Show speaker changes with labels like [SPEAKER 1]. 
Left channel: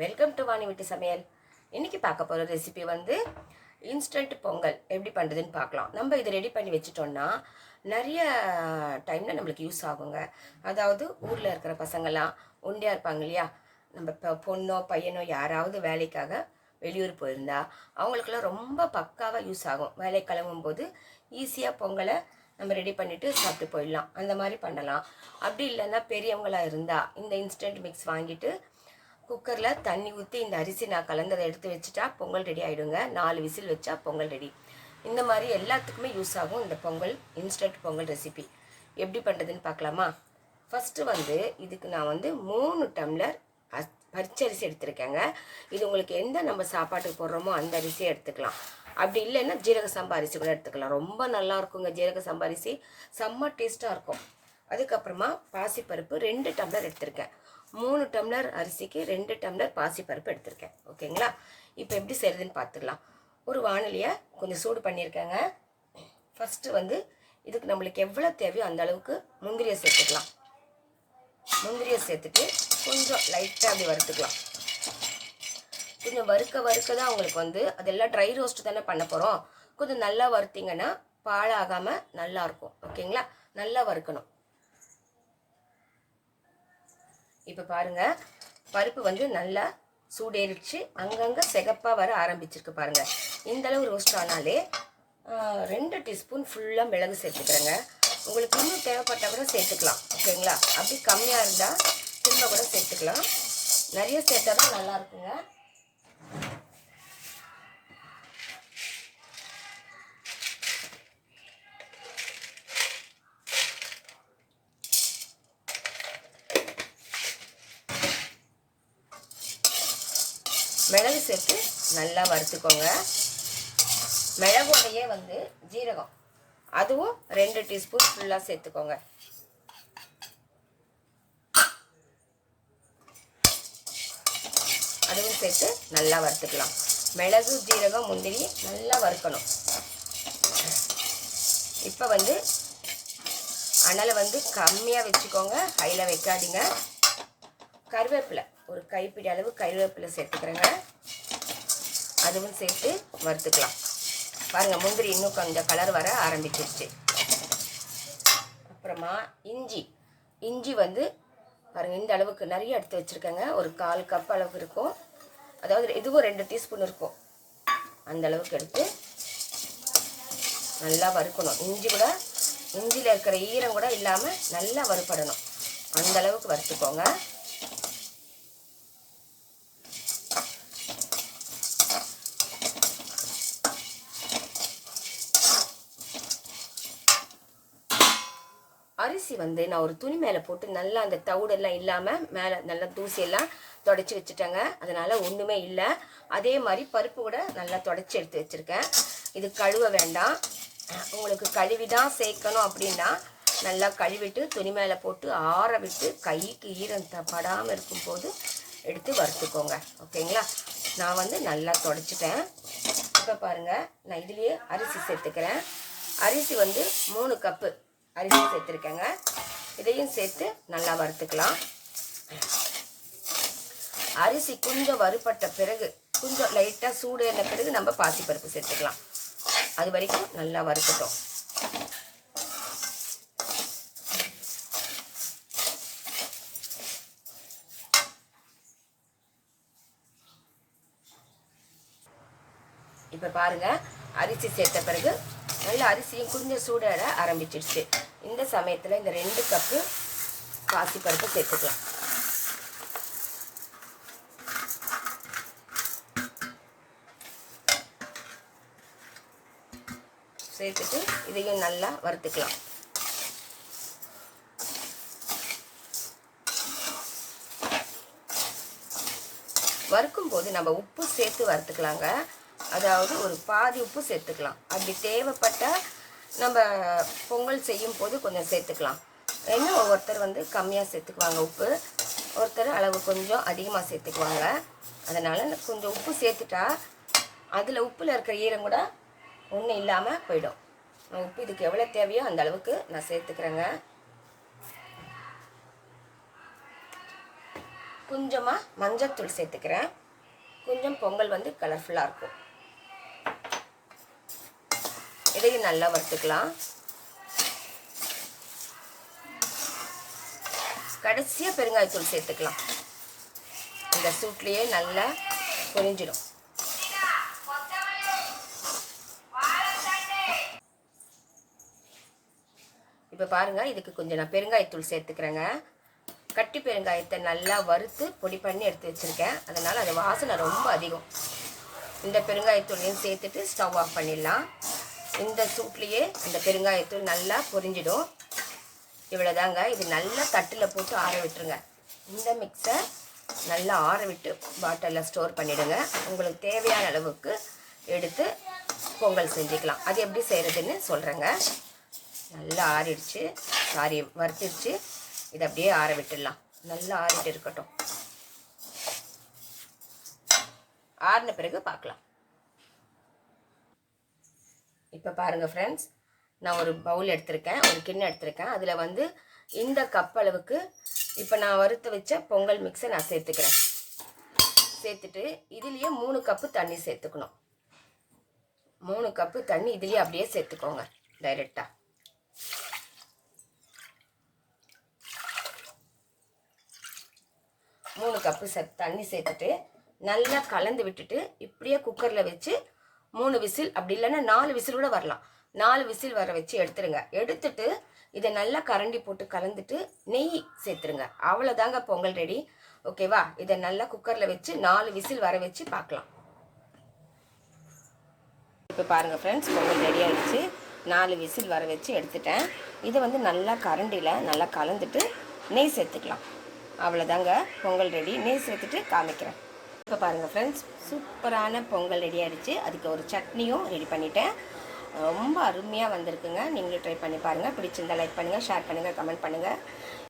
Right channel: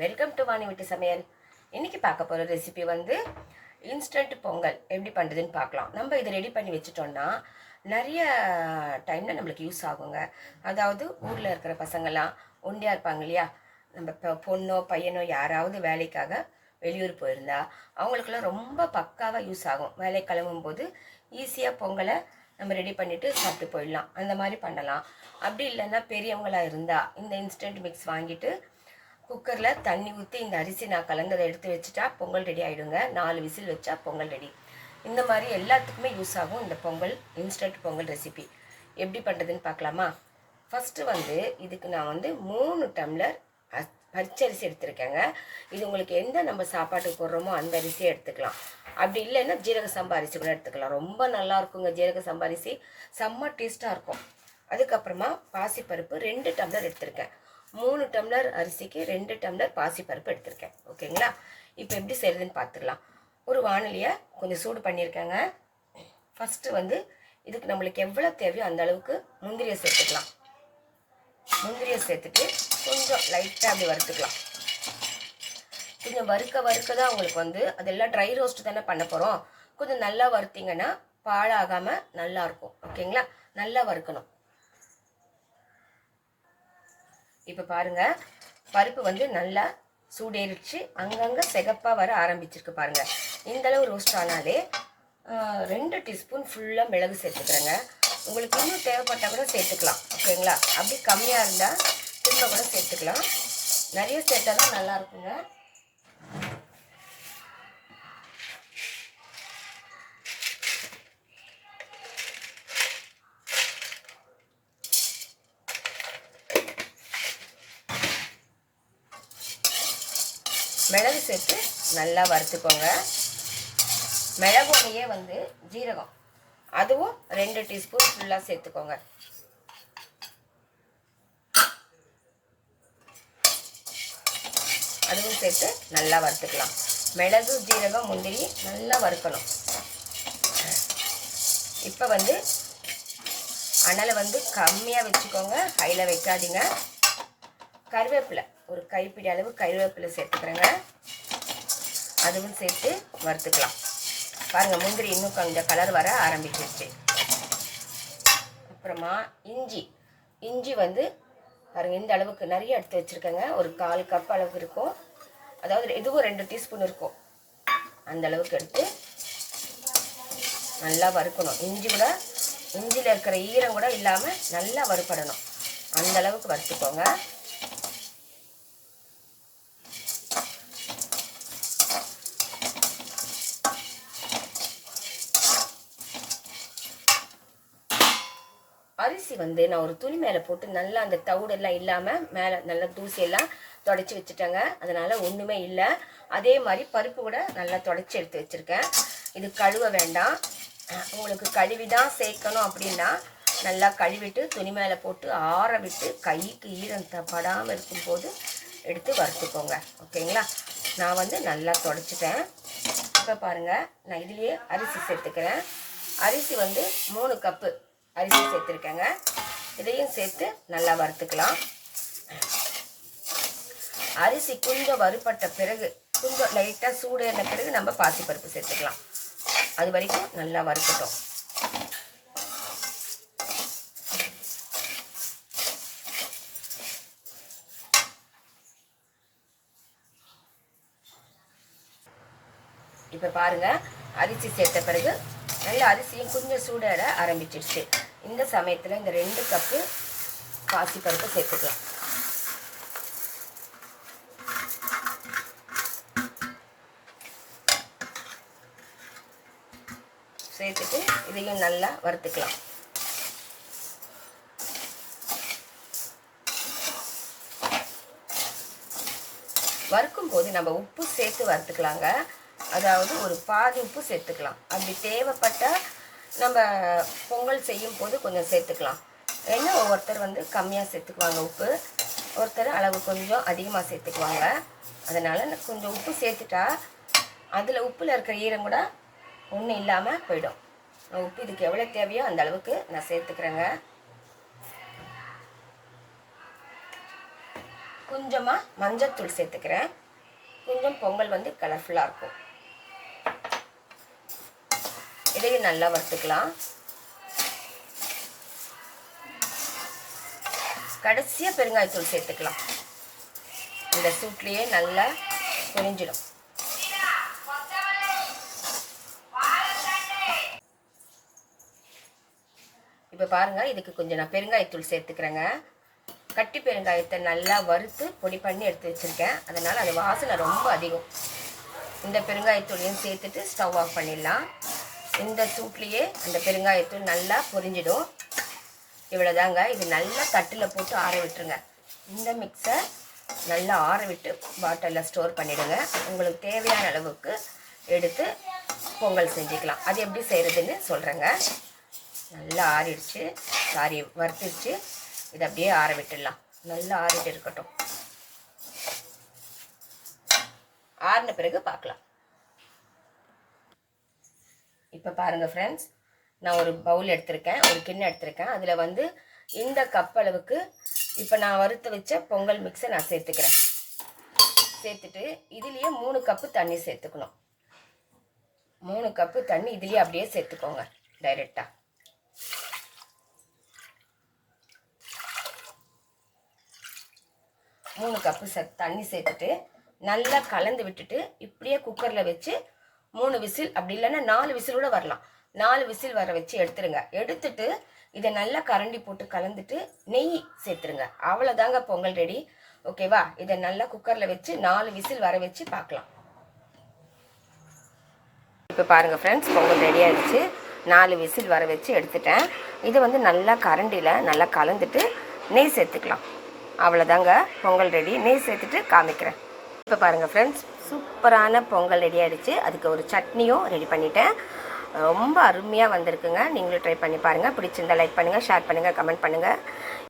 [SPEAKER 1] Welcome to Vani விட்டு சமையல் இன்னைக்கு பார்க்க போகிற ரெசிபி வந்து இன்ஸ்டன்ட் பொங்கல். எப்படி பண்ணுறதுன்னு பார்க்கலாம். நம்ம இதை ரெடி பண்ணி வச்சுட்டோம்னா நிறைய டைமில் நம்மளுக்கு யூஸ் ஆகுங்க. அதாவது ஊரில் இருக்கிற பசங்கள்லாம் ஒண்டியாக இருப்பாங்க இல்லையா? நம்ம இப்போ பொண்ணோ பையனோ யாராவது வேலைக்காக வெளியூர் போயிருந்தா அவங்களுக்கெல்லாம் ரொம்ப பக்காவாக யூஸ் ஆகும். வேலை கிளம்பும்போது ஈஸியாக பொங்கலை நம்ம ரெடி பண்ணிவிட்டு சாப்பிட்டு போயிடலாம். அந்த மாதிரி பண்ணலாம். அப்படி இல்லைன்னா பெரியவங்களாக இருந்தால் இந்த இன்ஸ்டன்ட் மிக்ஸ் வாங்கிட்டு குக்கரில் தண்ணி ஊற்றி இந்த அரிசி நான் கலந்ததை எடுத்து வச்சுட்டா பொங்கல் ரெடி ஆகிடுங்க நாலு விசில் வச்சா பொங்கல் ரெடி இந்த மாதிரி எல்லாத்துக்குமே யூஸ் ஆகும் இந்த பொங்கல் இன்ஸ்டன்ட் பொங்கல் ரெசிபி எப்படி பண்ணுறதுன்னு பார்க்கலாமா? ஃபஸ்ட்டு வந்து இதுக்கு நான் வந்து மூணு டம்ளர் அஸ் பச்சரிசி எடுத்திருக்கேங்க. இது உங்களுக்கு எந்த நம்ம சாப்பாட்டுக்கு போடுறோமோ அந்த அரிசியை எடுத்துக்கலாம். அப்படி இல்லைன்னா ஜீரக சம்பா அரிசி கூட எடுத்துக்கலாம். ரொம்ப நல்லா இருக்குங்க ஜீரக சம்பா அரிசி. செம்ம டேஸ்ட்டாக இருக்கும். அதுக்கப்புறமா பாசிப்பருப்பு ரெண்டு டம்ளர் எடுத்திருக்கேன். மூணு டம்ளர் அரிசிக்கு ரெண்டு டம்ளர் பாசிப்பருப்பு எடுத்திருக்கேன். ஓகேங்களா? இப்போ எப்படி செய்கிறதுன்னு பார்த்துக்கலாம். ஒரு வானொலியை கொஞ்சம் சூடு பண்ணியிருக்கேங்க. ஃபஸ்ட்டு வந்து இதுக்கு நம்மளுக்கு எவ்வளோ தேவையோ அந்த அளவுக்கு முந்திரியை சேர்த்துக்கலாம். முந்திரியை சேர்த்துட்டு கொஞ்சம் லைட்டாக அப்படி வறுத்துக்கலாம். கொஞ்சம் வறுக்க வறுக்க தான் உங்களுக்கு வந்து அதெல்லாம் ட்ரை ரோஸ்ட் தானே பண்ண போகிறோம் கொஞ்சம் நல்லா வறுத்திங்கன்னா பாழாகாமல் நல்லாயிருக்கும் ஓகேங்களா? நல்லா வறுக்கணும். இப்போ பாருங்க பருப்பு வந்து நல்லா சூடேறிச்சு அங்கங்கே செகப்பாக வர ஆரம்பிச்சிருக்கு பாருங்கள் இந்தளவு ரோஸ்ட் ஆனாலே ரெண்டு டீஸ்பூன் ஃபுல்லாக மிளகு சேர்த்துக்கிறேங்க. உங்களுக்கு இன்னும் தேவைப்பட்டால் கூட சேர்த்துக்கலாம் ஓகேங்களா? அப்படி கம்மியாக இருந்தால் திரும்ப கூட சேர்த்துக்கலாம். நிறைய சேர்த்தா தான் நல்லாயிருக்குங்க மிளகு சேர்த்து நல்லா வறுத்துக்கோங்க. மிளகோடையே வந்து ஜீரகம். அதுவும் ரெண்டு டீஸ்பூன் ஃபுல்லாக சேர்த்துக்கோங்க. அதுவும் சேர்த்து நல்லா வறுத்துக்கலாம். மிளகு ஜீரகம் முந்திரி நல்லா வறுக்கணும். இப்போ வந்து அனலை வந்து கம்மியாக வச்சுக்கோங்க. ஹையில் வைக்காதீங்க. கருவேப்பிலை. ஒரு கைப்பிடி அளவு கருவேப்பிலை சேர்த்துக்கிறேங்க. அதுவும் சேர்த்து வறுத்துக்கலாம். பாருங்கள் முந்திரி இன்னும் கொஞ்சம் கலர் வர ஆரம்பிச்சிருச்சு. அப்புறமா இஞ்சி. இஞ்சி வந்து பாருங்கள் இந்த அளவுக்கு நிறைய எடுத்து வச்சுருக்கேங்க. ஒரு கால் கப் அளவுக்கு இருக்கும். அதாவது இதுவும் ரெண்டு டீஸ்பூன் இருக்கும். அந்த அளவுக்கு எடுத்து நல்லா வறுக்கணும். இஞ்சி கூட இஞ்சியில் இருக்கிற ஈரம் கூட இல்லாமல் நல்லா வறுப்படணும் அந்த அளவுக்கு வறுத்துக்கோங்க. அரிசி வந்து நான் ஒரு துணி மேலே போட்டு நல்லா அந்த தவிடெல்லாம் இல்லாமல் மேலே நல்லா தூசியெல்லாம் தொடச்சி வச்சுட்டேங்க. அதனால் ஒன்றுமே இல்லை. அதே மாதிரி பருப்பு கூட நல்லா தொடச்சி எடுத்து வச்சுருக்கேன். இது கழுவ வேண்டாம். உங்களுக்கு கழுவி தான் சேர்க்கணும் அப்படின்னா நல்லா கழுவிட்டு துணி மேலே போட்டு ஆற விட்டு கைக்கு ஈரம் படாமல் இருக்கும்போது எடுத்து வறுத்துக்கோங்க. ஓகேங்களா? நான் வந்து நல்லா தொடச்சிட்டேன். இப்போ பாருங்கள் நான் இதுலேயே அரிசி சேர்த்துக்கிறேன். அரிசி வந்து மூணு கப்பு அரிசி சேர்த்துருக்கேங்க. இதையும் சேர்த்து நல்லா வறுத்துக்கலாம். அரிசி கொஞ்சம் வறுபட்ட பிறகு கொஞ்சம் லைட்டாக சூடேறின பிறகு நம்ம பாசிப்பருப்பு சேர்த்துக்கலாம். அது வரைக்கும் நல்லா வறுக்கட்டும் இப்போ பாருங்க அரிசி சேர்த்த பிறகு நல்ல அரிசியும் கொஞ்சம் சூடாட ஆரம்பிச்சிடுச்சு இந்த சமயத்தில் இந்த ரெண்டு கப்பு பாசிப்பருப்பு சேர்த்துக்கலாம். சேர்த்துட்டு இதையும் நல்லா வறுத்துக்கலாம். வறுக்கும் போது நம்ம உப்பு சேர்த்து வறுத்துக்கலாங்க. அதாவது ஒரு பாதி உப்பு சேர்த்துக்கலாம். அப்படி தேவைப்பட்டால் நம்ம பொங்கல் செய்யும் போது கொஞ்சம் சேர்த்துக்கலாம். ஏன்னா ஒவ்வொருத்தர் வந்து கம்மியாக சேர்த்துக்குவாங்க உப்பு. ஒருத்தர் அளவு கொஞ்சம் அதிகமாக சேர்த்துக்குவாங்க. அதனால் கொஞ்சம் உப்பு சேர்த்துட்டா அதில் உப்பில் இருக்கிற ஈரம் கூட ஒன்றும் இல்லாமல் போயிடும். உப்பு இதுக்கு எவ்வளோ தேவையோ அந்த அளவுக்கு நான் சேர்த்துக்கிறேங்க. கொஞ்சமாக மஞ்சத்தூள் சேர்த்துக்கிறேன். கொஞ்சம் பொங்கல் வந்து கலர்ஃபுல்லாக இருக்கும். இதையும் நல்லா வறுத்துக்கலாம். கடைசியாக பெருங்காயத்தூள் சேர்த்துக்கலாம். இந்த சூட்லேயே நல்லா பொரிஞ்சிடும். இப்போ பாருங்கள் இதுக்கு கொஞ்சம் நான் பெருங்காயத்தூள் சேர்த்துக்கிறேங்க. கட்டி பெருங்காயத்தை நல்லா வறுத்து பொடி பண்ணி எடுத்து வச்சுருக்கேன். அதனால் அது வாசனை ரொம்ப அதிகம். இந்த பெருங்காயத்தூளையும் சேர்த்துட்டு ஸ்டவ் ஆஃப் பண்ணிடலாம். இந்த சூட்லேயே இந்த பெருங்காயத்தூள் நல்லா பொரிஞ்சிடும். இவ்வளோதாங்க இது நல்லா தட்டில் போட்டு ஆற விட்டுருங்க. இந்த மிக்ஸை நல்லா ஆற விட்டு பாட்டிலில் ஸ்டோர் பண்ணிவிடுங்க உங்களுக்கு தேவையான அளவுக்கு எடுத்து பொங்கல் செஞ்சுக்கலாம். அது எப்படி செய்கிறதுன்னு சொல்கிறேங்க நல்லா ஆறிடுச்சு. சாரி வறுத்துடுச்சு. இதை அப்படியே ஆற விட்டுடலாம். நல்லா ஆறிட்டு இருக்கட்டும். ஆறின பிறகு பார்க்கலாம். இப்போ பாருங்கள் ஃப்ரெண்ட்ஸ் நான் ஒரு பவுல் எடுத்திருக்கேன் ஒரு கிண்ணம் எடுத்திருக்கேன். அதில் வந்து இந்த கப் அளவுக்கு இப்போ நான் வறுத்து வச்ச பொங்கல் மிக்ஸை நான் சேர்த்துக்கிறேன். சேர்த்துட்டு இதுலேயே மூணு கப்பு தண்ணி சேர்த்துக்கணும். மூணு கப்பு தண்ணி இதுலேயே அப்படியே சேர்த்துக்கோங்க டைரெக்டாக மூணு கப்பு ச தண்ணி சேர்த்துட்டு நல்லா கலந்து விட்டுட்டு இப்படியே குக்கரில் வச்சு மூணு விசில் அப்படி இல்லைன்னா நாலு விசில் கூட வரலாம். நாலு விசில் வர வச்சு எடுத்துருங்க. எடுத்துட்டு இதை நல்லா கரண்டி போட்டு கலந்துட்டு நெய் சேர்த்துருங்க. அவ்வளோதாங்க பொங்கல் ரெடி. ஓகேவா இதை நல்லா குக்கரில் வச்சு நாலு விசில் வர வச்சு பார்க்கலாம். இப்போ பாருங்கள் ஃப்ரெண்ட்ஸ் பொங்கல் ரெடி ஆகிடுச்சு நாலு விசில் வர வச்சு எடுத்துட்டேன். இதை வந்து நல்லா கரண்டியில் நல்லா கலந்துட்டு நெய் சேர்த்துக்கலாம். அவ்வளோதாங்க பொங்கல் ரெடி நெய் சேர்த்துட்டு காமிக்கிறேன். இப்போ பாருங்கள் ஃப்ரெண்ட்ஸ் சூப்பரான பொங்கல் ரெடி ஆகிடுச்சு அதுக்கு ஒரு சட்னியும் ரெடி பண்ணிட்டேன். ரொம்ப அருமையாக வந்திருக்குங்க. நீங்களும் ட்ரை பண்ணி பாருங்கள் பிடிச்சிருந்தா லைக் பண்ணுங்கள் ஷேர் பண்ணுங்கள் கமெண்ட் பண்ணுங்கள்